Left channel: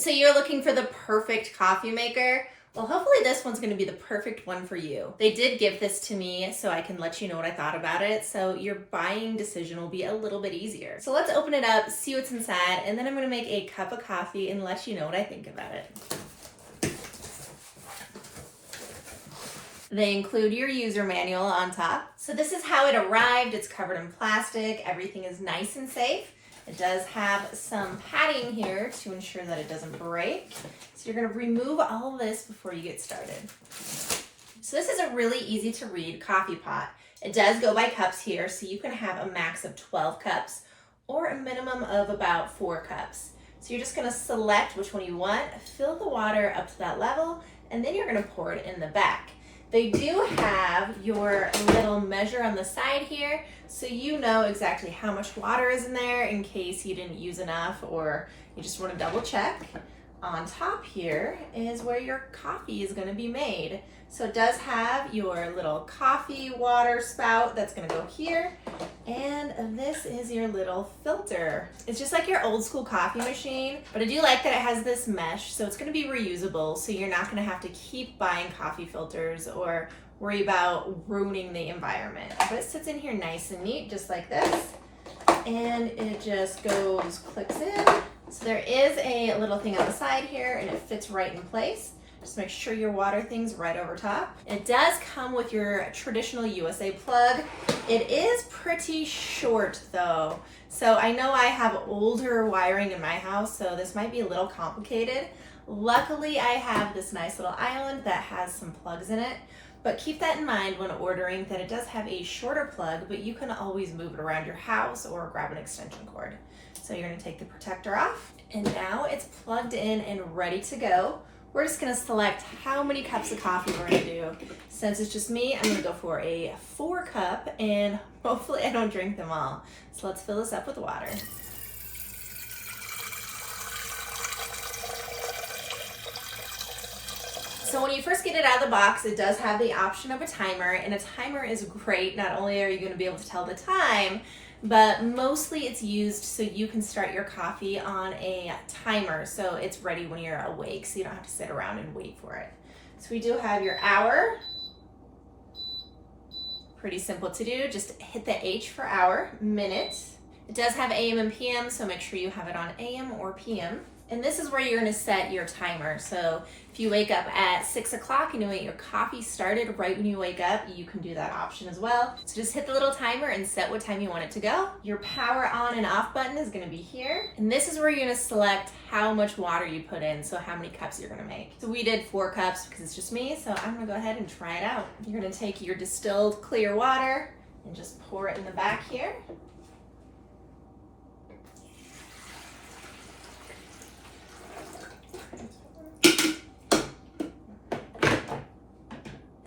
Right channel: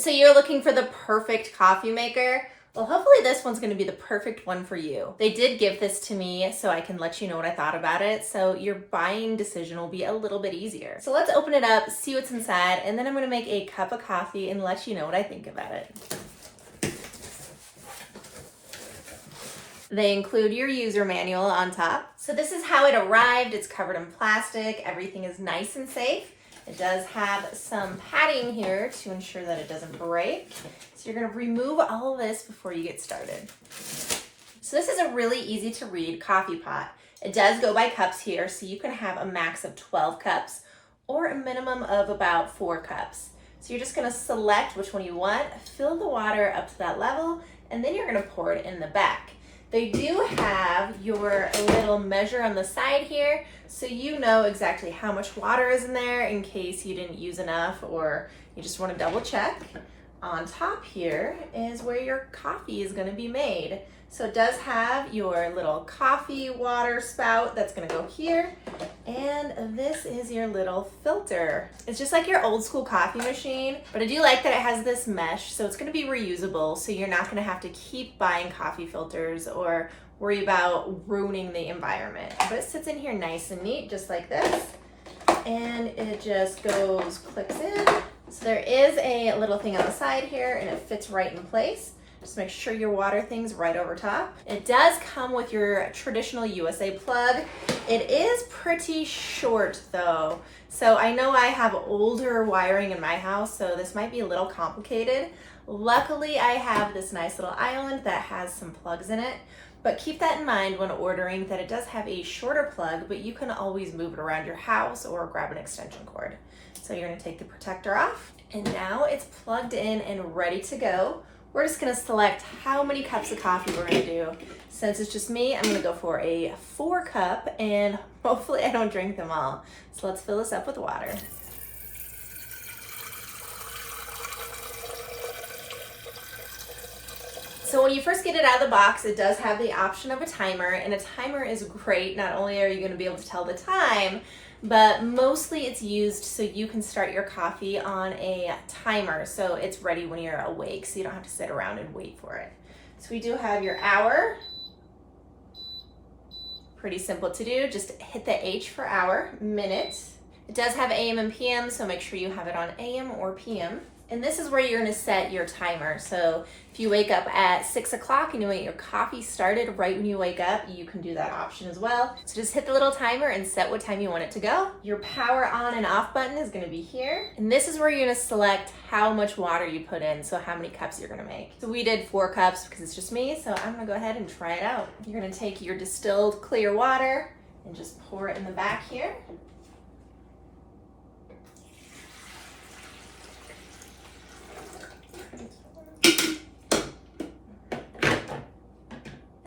So you're looking for the perfect coffee maker? Well, hopefully this one's going to be the perfect one for you. They did give this to me so I can let you know what I thought about it, so your buying decision will be a little bit easier. So let's open it up, see what's inside, and then I'm going to make a cup of coffee and let you know what I think about it. They include your user manual on top. So this is how it arrived. It's covered in plastic. Everything is nice and safe. It does have some padding here to ensure that it doesn't break. So you're going to remove all of this before you get started. So this is a really easy to read coffee pot. It does go by cups here, so you can have a max of 12 cups or a minimum of about 4 cups. So you're just going to select which one you want, fill the water up to that level, and then you're going to pour it in the back. They do have your little measure on the side here, so you know exactly how much water is in there in case you didn't use enough or you just want to double check. On top here is where your coffee is going to be made. So it does have your little coffee water spout that's going to go here, and this is your little filter. It's just like your old school coffee machine, but I do like that it has this mesh, so it's going to be reusable, so you're not going to have to keep buying coffee filters or worry about ruining the environment. But it sits in here nice and neat, just like this, and it just clicks in. So there is a little thing on the side here, and it fits right in place. Just make sure your water thing's right over top. It does come with your traditional USA plug. It is pretty short though. So I know I have older wiring in my house, so this might be a little complicated. Luckily, I have this nice little island that has some plugs in it, but keep that in mind when ordering that it does have a shorter plug, but you can always move it around your house or grab an extension cord. So you're gonna take the protector off, and now it's plugged in and ready to go. We're just gonna select how many cups of coffee we're gonna do. Since it's just me, I'm gonna go for a 4 cup, and hopefully I don't drink them all. So let's fill this up with water. So when you first get it out of the box, it does have the option of a timer, and a timer is great. Not only are you gonna be able to tell the time, but mostly it's used so you can start your coffee on a timer so it's ready when you're awake, so you don't have to sit around and wait for it. So we do have your hour. Pretty simple to do, just hit the H for hour, minute. It does have AM and PM, so make sure you have it on AM or PM. And this is where you're gonna set your timer. So if you wake up at 6 o'clock and you want your coffee started right when you wake up, you can do that option as well. So just hit the little timer and set what time you want it to go. Your power on and off button is gonna be here. And this is where you're gonna select how much water you put in, so how many cups you're gonna make. So we did 4 cups because it's just me, so I'm gonna go ahead and try it out. You're gonna take your distilled clear water and just pour it in the back here.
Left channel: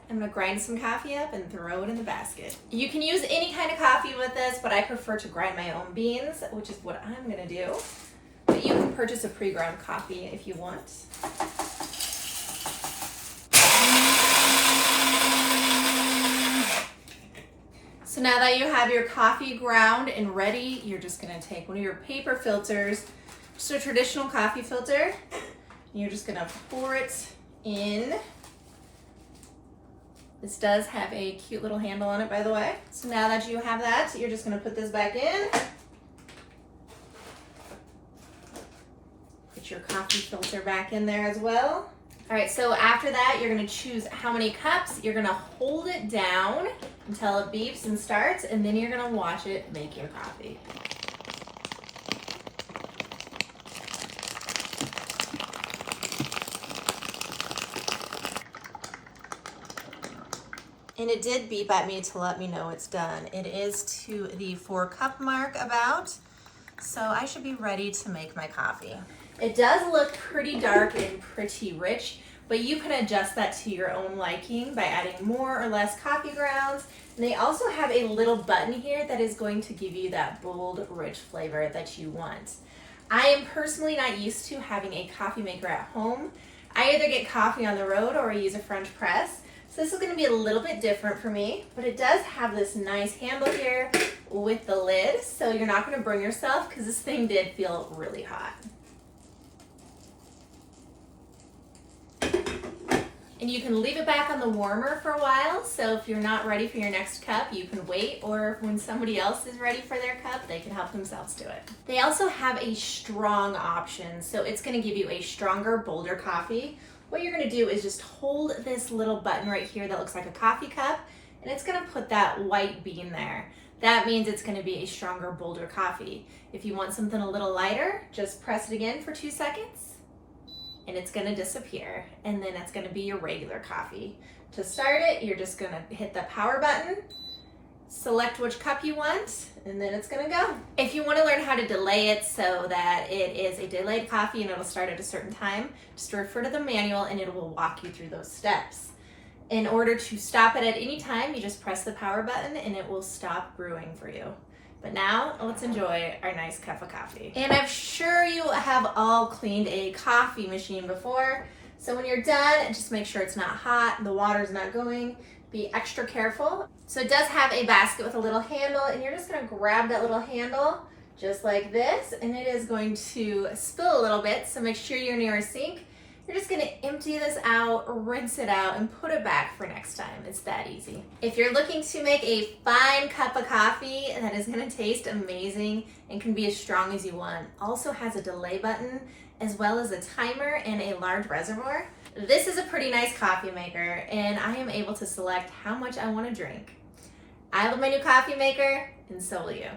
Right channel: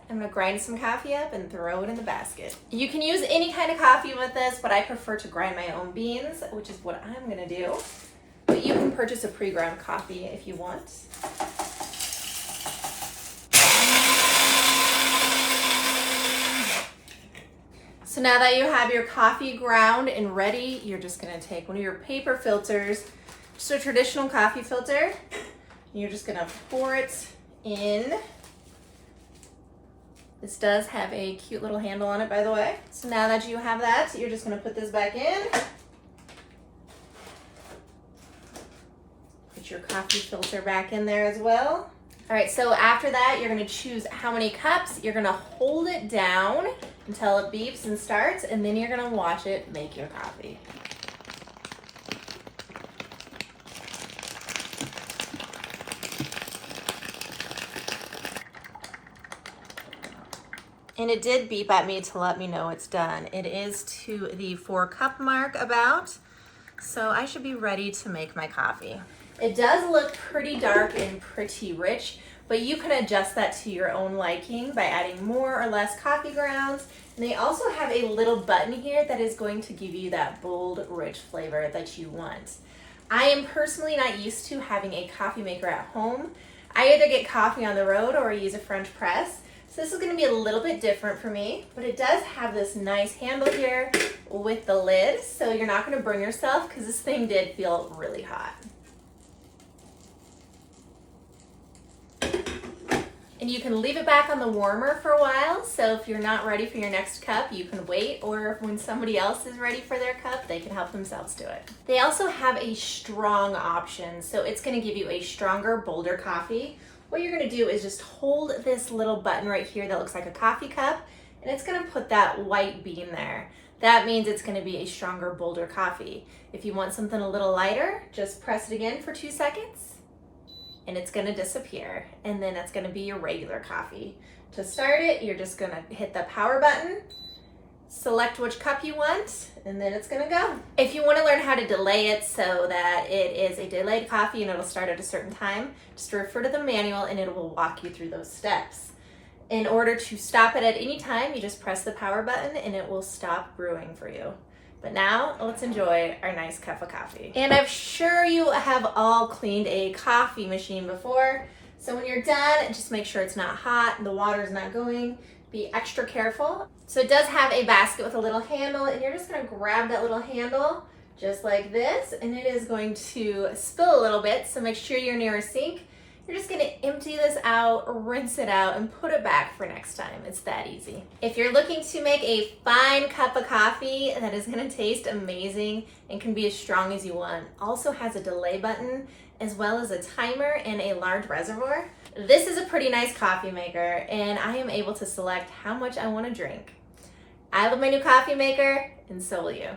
I'm gonna grind some coffee up and throw it in the basket. You can use any kind of coffee with this, but I prefer to grind my own beans, which is what I'm gonna do. But you can purchase a pre-ground coffee if you want. So now that you have your coffee ground and ready, you're just gonna take one of your paper filters, just a traditional coffee filter, and you're just gonna pour it in. This does have a cute little handle on it, by the way. So now that you have that, you're just gonna put this back in. Put your coffee filter back in there as well. All right, so after that, you're gonna choose how many cups. You're gonna hold it down until it beeps and starts, and then you're gonna watch it make your coffee. And it did beep at me to let me know it's done. It is to the 4 cup mark about, so I should be ready to make my coffee. It does look pretty dark and pretty rich, but you can adjust that to your own liking by adding more or less coffee grounds. And they also have a little button here that is going to give you that bold, rich flavor that you want. I am personally not used to having a coffee maker at home. I either get coffee on the road or I use a French press. So this is going to be a little bit different for me, but it does have this nice handle here with the lid, so you're not going to burn yourself because this thing did feel really hot. And you can leave it back on the warmer for a while, so if you're not ready for your next cup, you can wait, or when somebody else is ready for their cup, they can help themselves to it. They also have a strong option, so it's going to give you a stronger, bolder coffee. What you're going to do is just hold this little button right here that looks like a coffee cup, and it's going to put that white bean there. That means it's going to be a stronger, bolder coffee. If you want something a little lighter, just press it again for 2 seconds, and it's going to disappear, and then that's going to be your regular coffee. To start it, you're just going to hit the power button, select which cup you want, and then it's going to go. If you want to learn how to delay it so that it is a delayed coffee and it'll start at a certain time, just refer to the manual and it will walk you through those steps. In order to stop it at any time, you just press the power button and it will stop brewing for you. But now, let's enjoy our nice cup of coffee. And I'm sure you have all cleaned a coffee machine before. So when you're done, just make sure it's not hot, the water's not going. Be extra careful. So it does have a basket with a little handle, and you're just gonna grab that little handle just like this, and it is going to spill a little bit, so make sure you're near a sink. You're just gonna empty this out, rinse it out, and put it back for next time. It's that easy. If you're looking to make a fine cup of coffee that is gonna taste amazing and can be as strong as you want, also has a delay button, as well as a timer and a large reservoir. This is a pretty nice coffee maker, and I am able to select how much I wanna drink. I love my new coffee maker, and so will you.